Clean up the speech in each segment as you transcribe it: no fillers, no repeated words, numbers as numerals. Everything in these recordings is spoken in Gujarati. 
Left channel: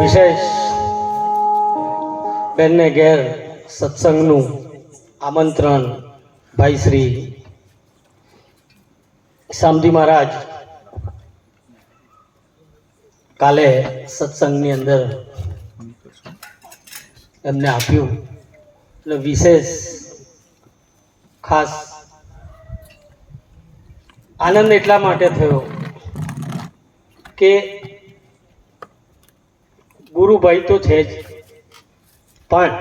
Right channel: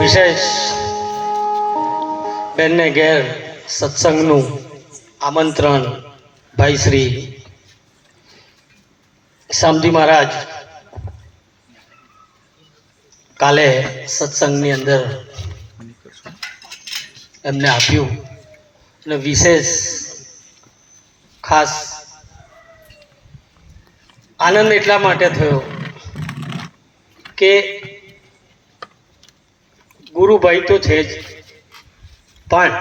વિશેષ બેનને ઘેર સત્સંગનું આમંત્રણ ભાઈ શ્રી શામજી મહારાજ કાલે સત્સંગની અંદર એમને આપ્યું અને વિશેષ ખાસ આનંદ એટલા માટે થયો કે ગુરુભાઈ તો છે જ, પણ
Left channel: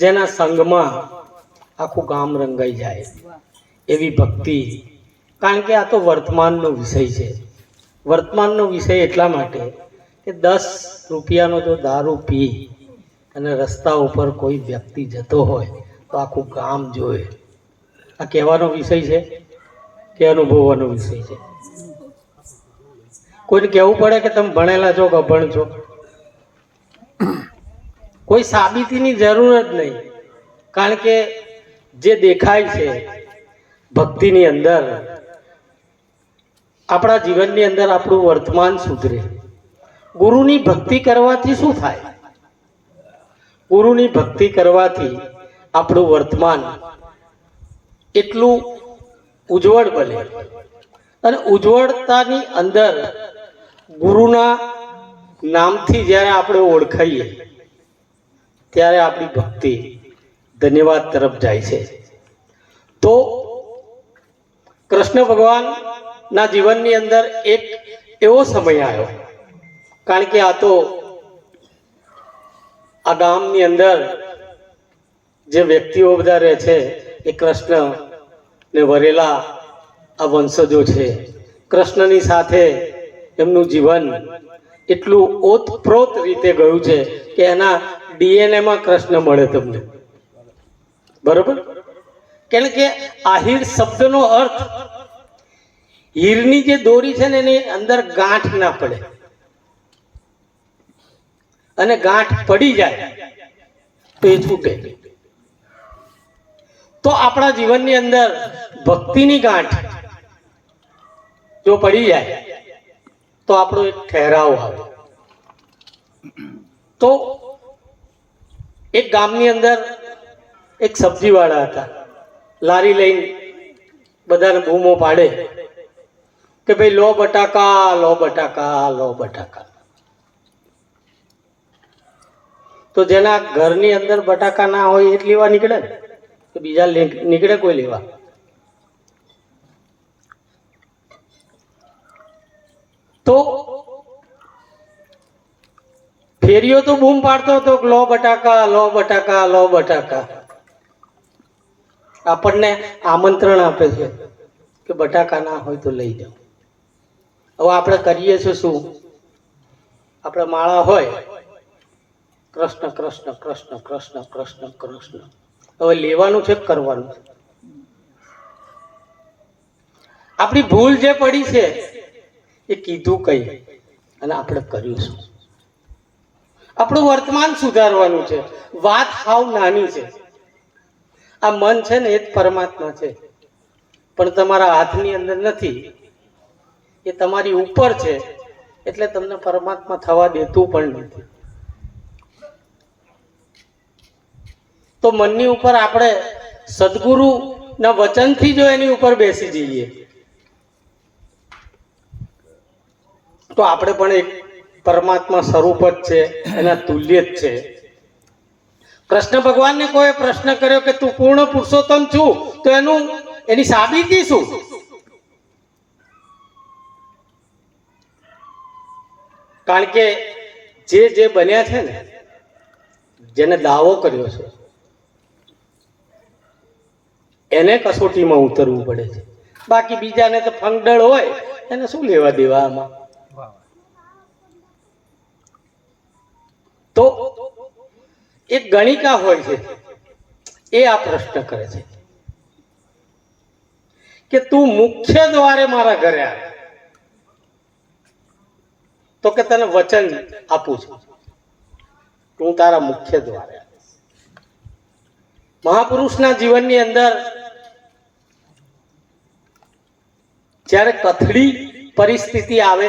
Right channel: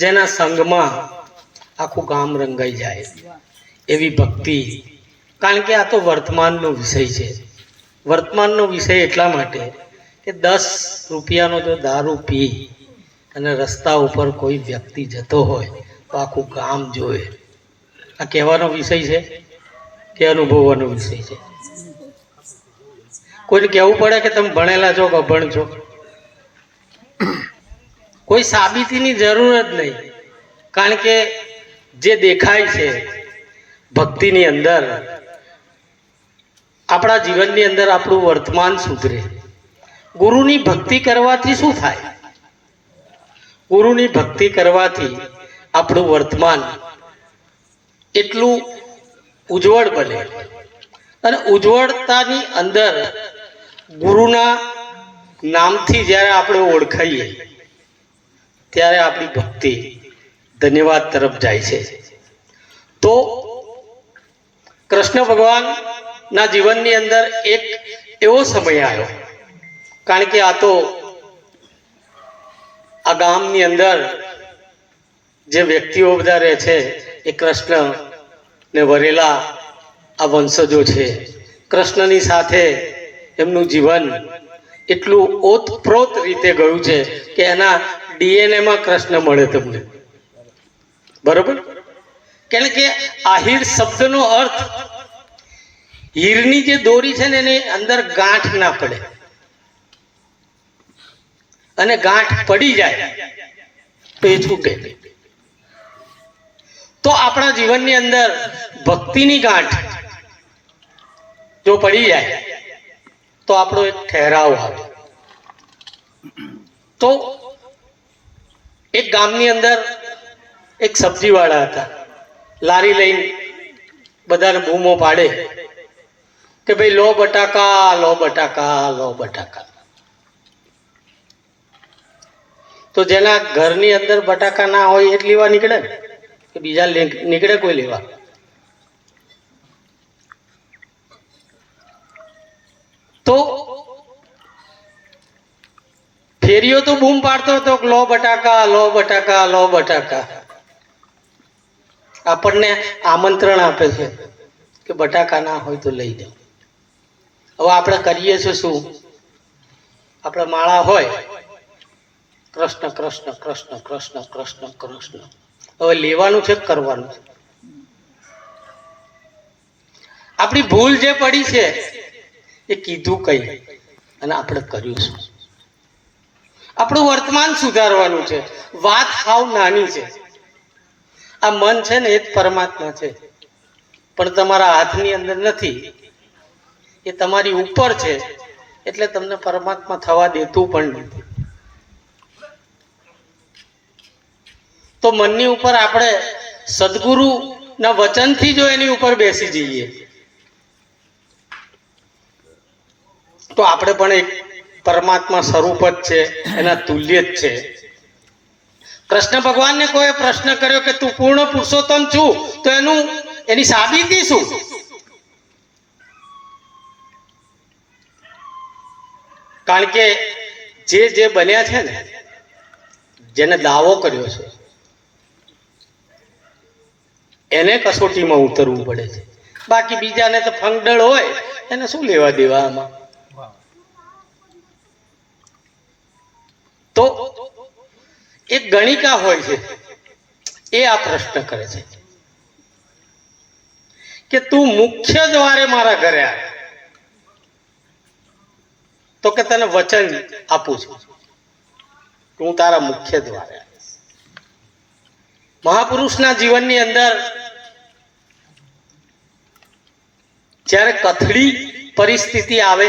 જેના સંગમાં આખું ગામ રંગાઈ જાય એવી ભક્તિ. કારણ કે આ તો વર્તમાનનો વિષય છે. વર્તમાનનો વિષય એટલા માટે કે 10 રૂપિયાનો જો દારૂ પી અને રસ્તા ઉપર કોઈ વ્યક્તિ જતો હોય તો આખું ગામ જોવે. આ કહેવાનો વિષય છે કે અનુભવવાનો વિષય છે? કોઈને કહેવું પડે કે તમે ભણેલા છો કે અભણ છો? કોઈ સાબિતીની જરૂર જ નહીં. કારણ કે જે દેખાય છે ભક્તિની અંદર, આપણા જીવનની અંદર આપણું વર્તમાન સુધરે. ગુરુની ભક્તિ કરવાથી શું થાય? ગુરુની ભક્તિ કરવાથી આપણું વર્તમાન એટલું ઉજ્જવળ બને, અને ઉજ્જવળતાની અંદર ગુરુના નામથી જ્યારે આપણે ઓળખાઈએ ત્યારે આપણી ભક્તિ ધન્યવાદ તરફ જાય છે. તો કૃષ્ણ ભગવાનના જીવનની અંદર એક એવો સમય આવ્યો, કારણ કે આ તો આ ગામની અંદર જે વ્યક્તિઓ બધા રહે છે એ કૃષ્ણ ને વરેલા આ વંશજો છે. કૃષ્ણની સાથે એમનું જીવન એટલું ઓતપ્રોત રીતે ગયું છે કે એના ડીએનએમાં કૃષ્ણ મળે તમને, બરોબર? કારણ કે આહિર શબ્દનો અર્થ, હીરની જે દોરી છે ને એની અંદર ગાંઠ ના પડે, અને ગાંઠ પડી જાય તો એ છૂટે. તો આપણા જીવનની અંદર ભક્તિની ગાંઠ જો પડી જાય તો આપણો એક ઠહેરાવ આવે. તો એક ગામની અંદર એક સબ્જીવાળા હતા. લારી લઈને બધાને બૂમો પાડે કે ભાઈ લો બટાકા, લો બટાકા, લો બટાકા. તો જેના ઘરની અંદર બટાકા ના હોય એ જ લેવા નીકળે ને, કે બીજા નીકળે કોઈ લેવા? તો ફેરીઓ તો બૂમ પાડતો હતો કે લો બટાકા, લો બટાકા, લો બટાકા. આપણને આમંત્રણ આપે છે કે બટાકા ના હોય તો લઈ જાઓ. હવે આપણે કરીએ છીએ શું? આપણે માળા હોય કૃષ્ણ કૃષ્ણ કૃષ્ણ કૃષ્ણ કૃષ્ણ કૃષ્ણ. હવે લેવાનું છે કે કરવાનું છે? આપણી ભૂલ જે પડી છે એ કીધું કઈ અને આપણે કર્યું શું? આપણું વર્તમાન સુધારવાનું છે. વાત હાવ નાની છે. આ મન છે ને એ જ પરમાત્મા છે, પણ તમારા હાથની અંદર નથી, એ તમારી ઉપર છે, એટલે તમને પરમાત્મા થવા દેતું પણ નથી. તો મનની ઉપર આપણે સદગુરુના વચનથી જો એની ઉપર બેસી જઈએ તો આપણે પણ એક પરમાત્મા સ્વરૂપ જ છે, એના તુલ્ય જ છે. કૃષ્ણ ભગવાનને કોઈ પ્રશ્ન કર્યો કે તું પૂર્ણ પુરુષોત્તમ છું, તો એની સાબિતી શું? કારણ કે જે બન્યા છે ને, જેને દાવો કર્યો છે એને કસોટીમાં ઉતરવું પડે છે. બાકી બીજાને તો ફંગડળ હોય, એને શું લેવા દેવા આમાં? તો એક ગણિકા હોય છે, એ આ પ્રશ્ન કરે છે કે તું મુખ્ય દ્વારે મારા ઘરે આવે તો કે તને વચન આપું છું, હું તારા મુખ્ય દ્વારે આવીશ. મહાપુરુષના જીવનની અંદર જ્યારે કથળી પરિસ્થિતિ આવે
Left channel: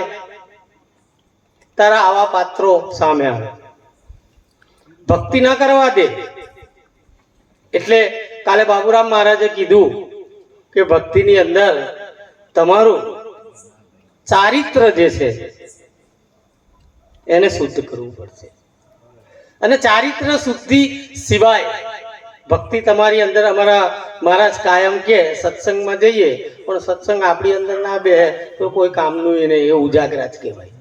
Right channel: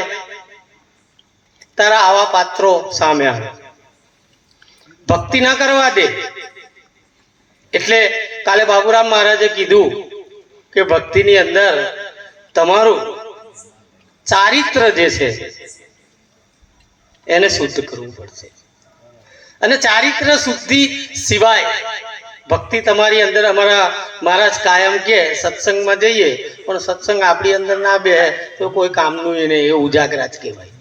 તારા આવા પાત્રો સામે આવે, ભક્તિ ના કરવા દે. એટલે કાલે બાબુરામ મહારાજે કીધું કે ભક્તિની અંદર તમારું ચારિત્ર જે છે એને શુદ્ધ કરવું પડશે. અને ચારિત્ર શુદ્ધિ સિવાય ભક્તિ તમારી અંદર, અમારા મહારાજ કાયમ કે સત્સંગમાં જઈએ પણ સત્સંગ આપણી અંદર ના બે તો કોઈ કામનું એ નહીં, એ ઉજાગરા જ કહેવાય.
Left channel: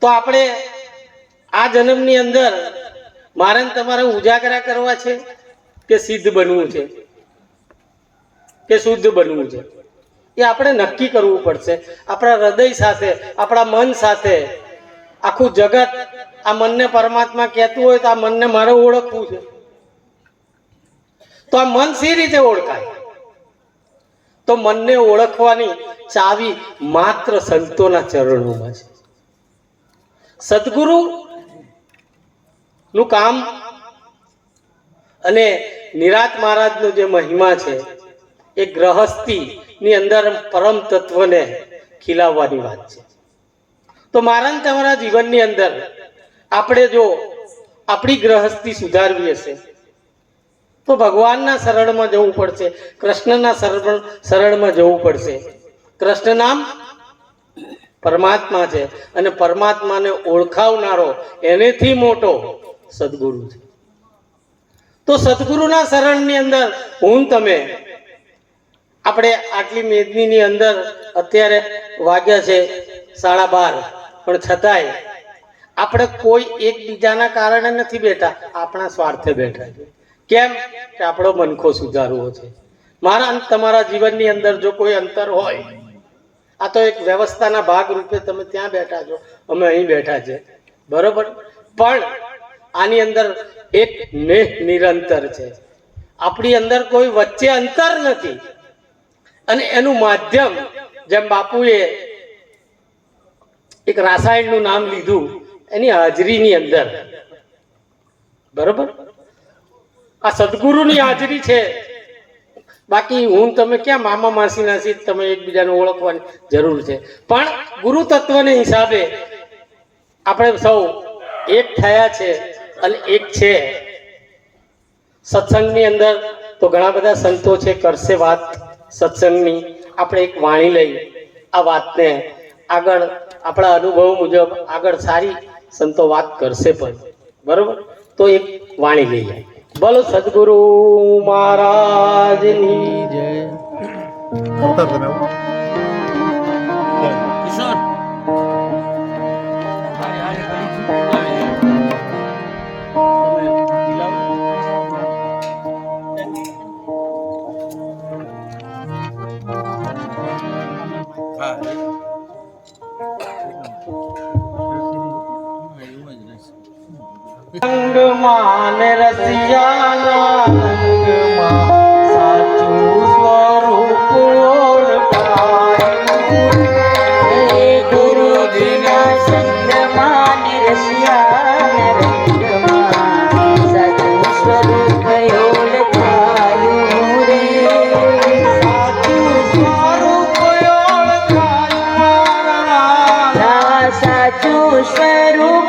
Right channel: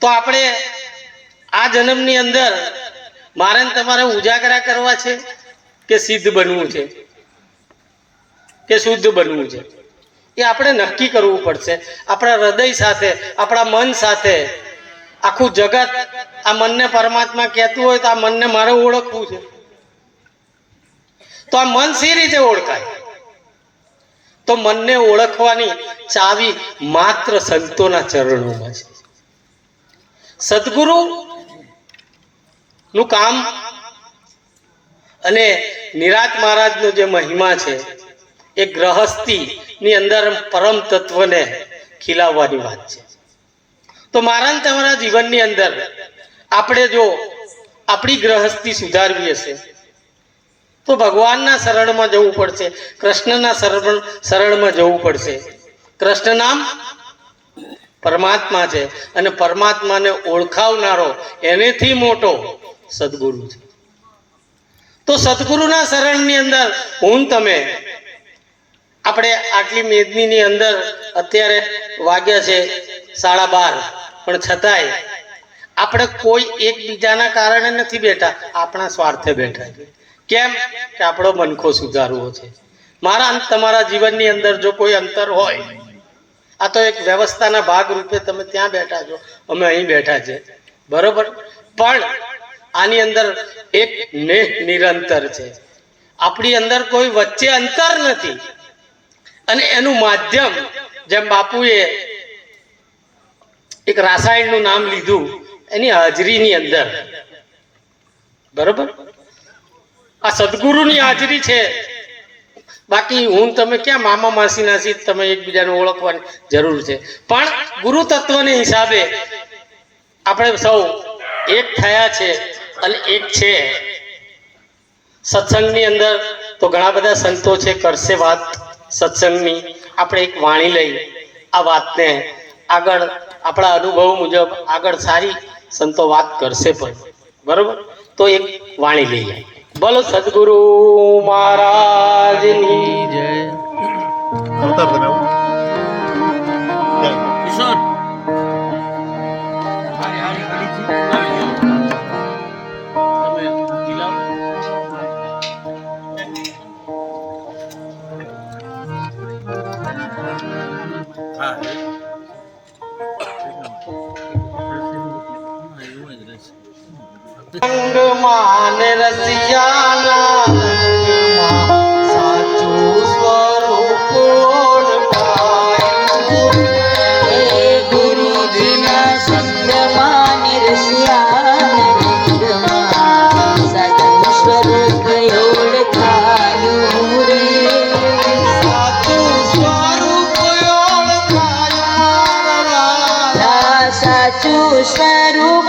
તો આપણે આ જન્મની અંદર મારે તમારે ઉજાગરા કરવા છે કે સિદ્ધ બનવું છે કે શુદ્ધ બનવું છે, એ આપણે નક્કી કરવું પડશે. આપણા હૃદય સાથે, આપણા મન સાથે. આખું જગત આ મનને પરમાત્મા કહેતું હોય તો આ મનને મારે ઓળખવું છે. તો આ મન સી રીતે ઓળખાય? તો મનને ઓળખવાની ચાવી માત્ર સંતોના ચરણોમાં છે. સદગુરુ નું કામ અને નિરાત મહારાજનો જે મહિમા છે એ ગ્રહસ્થી ની અંદર પરમ તત્વને ખીલાવવાની વાત છે. તો મારા તમારા જીવનની અંદર આપણે જો આપણી ગ્રહસ્થી સુધારવી હશે તો ભગવાનના શરણમાં જવું પડશે, કૃષ્ણના શરણમાં જવું પડશે. કૃષ્ણ નામ પરમાત્મા છે અને પરમાત્માને ઓળખાવનારો એનેથી મોટો સદગુરુ છે. તો સદગુરુના શરણની અંદર હું તમે આપણે આટલી મેદનીની અંદર અત્યારે વાગ્યા છે 12:30, પણ છતાંય આપણે કોઈ એકબીજાના કારણે નથી બેઠા, આપણા સ્વાર્થે બેઠા છે. કેમ કે આપણો મનખો સુધારવો છે. મારા તમારા જીવનની અંદર જો કોઈ અંતર હોય, આ તો એક વ્યવસ્થાના ભાગ રૂપે તમે ત્યાં બેઠા છો, અમે અહીં બેઠા છે, બરોબર, પણ આની અંદર એક નેહ નિરંતર છે. આપણી અંદર કોઈ વચ્ચે અંતર નથી. અને એનું માધ્યમ, જેમ બાપુએ એક રાસાયણનું નામ લીધું, એની હાજરીની અંદર, બરોબર, આ સદગુરુની હાજરી છે. બાકી હું તમે ક્યાં મામા માસી નાસી તમે એકબીજાને ઓળખવાની જરૂર છે. પણ ગુરુ તત્વને હિસાબે આપણે સૌ એક થયા છે અને એક છે. સત્સંગની અંદર તો ઘણા બધા સંતો છે, કરશે વાત સત્સંગની. આપણે એક વાણી લઈ આ વાતને આગળ આપણા અનુભવ મુજબ આગળ સારી સંતો વાત કરશે પણ, બરોબર. તો એક વાણી લઈ જાય. બોલો સદગુરુ મહારાજની જય. રંગમાં ને રસિયાના રંગમાં સાચું સ્વરૂપ ઓળખાય. ગુરુજીના સંગમાં ને રસિયાના રંગમાં સાચું સ્વરૂપ ઓળખાયું રે. સાચું સ્વરૂપ ઓળખાયું, સાચું સ્વરૂપ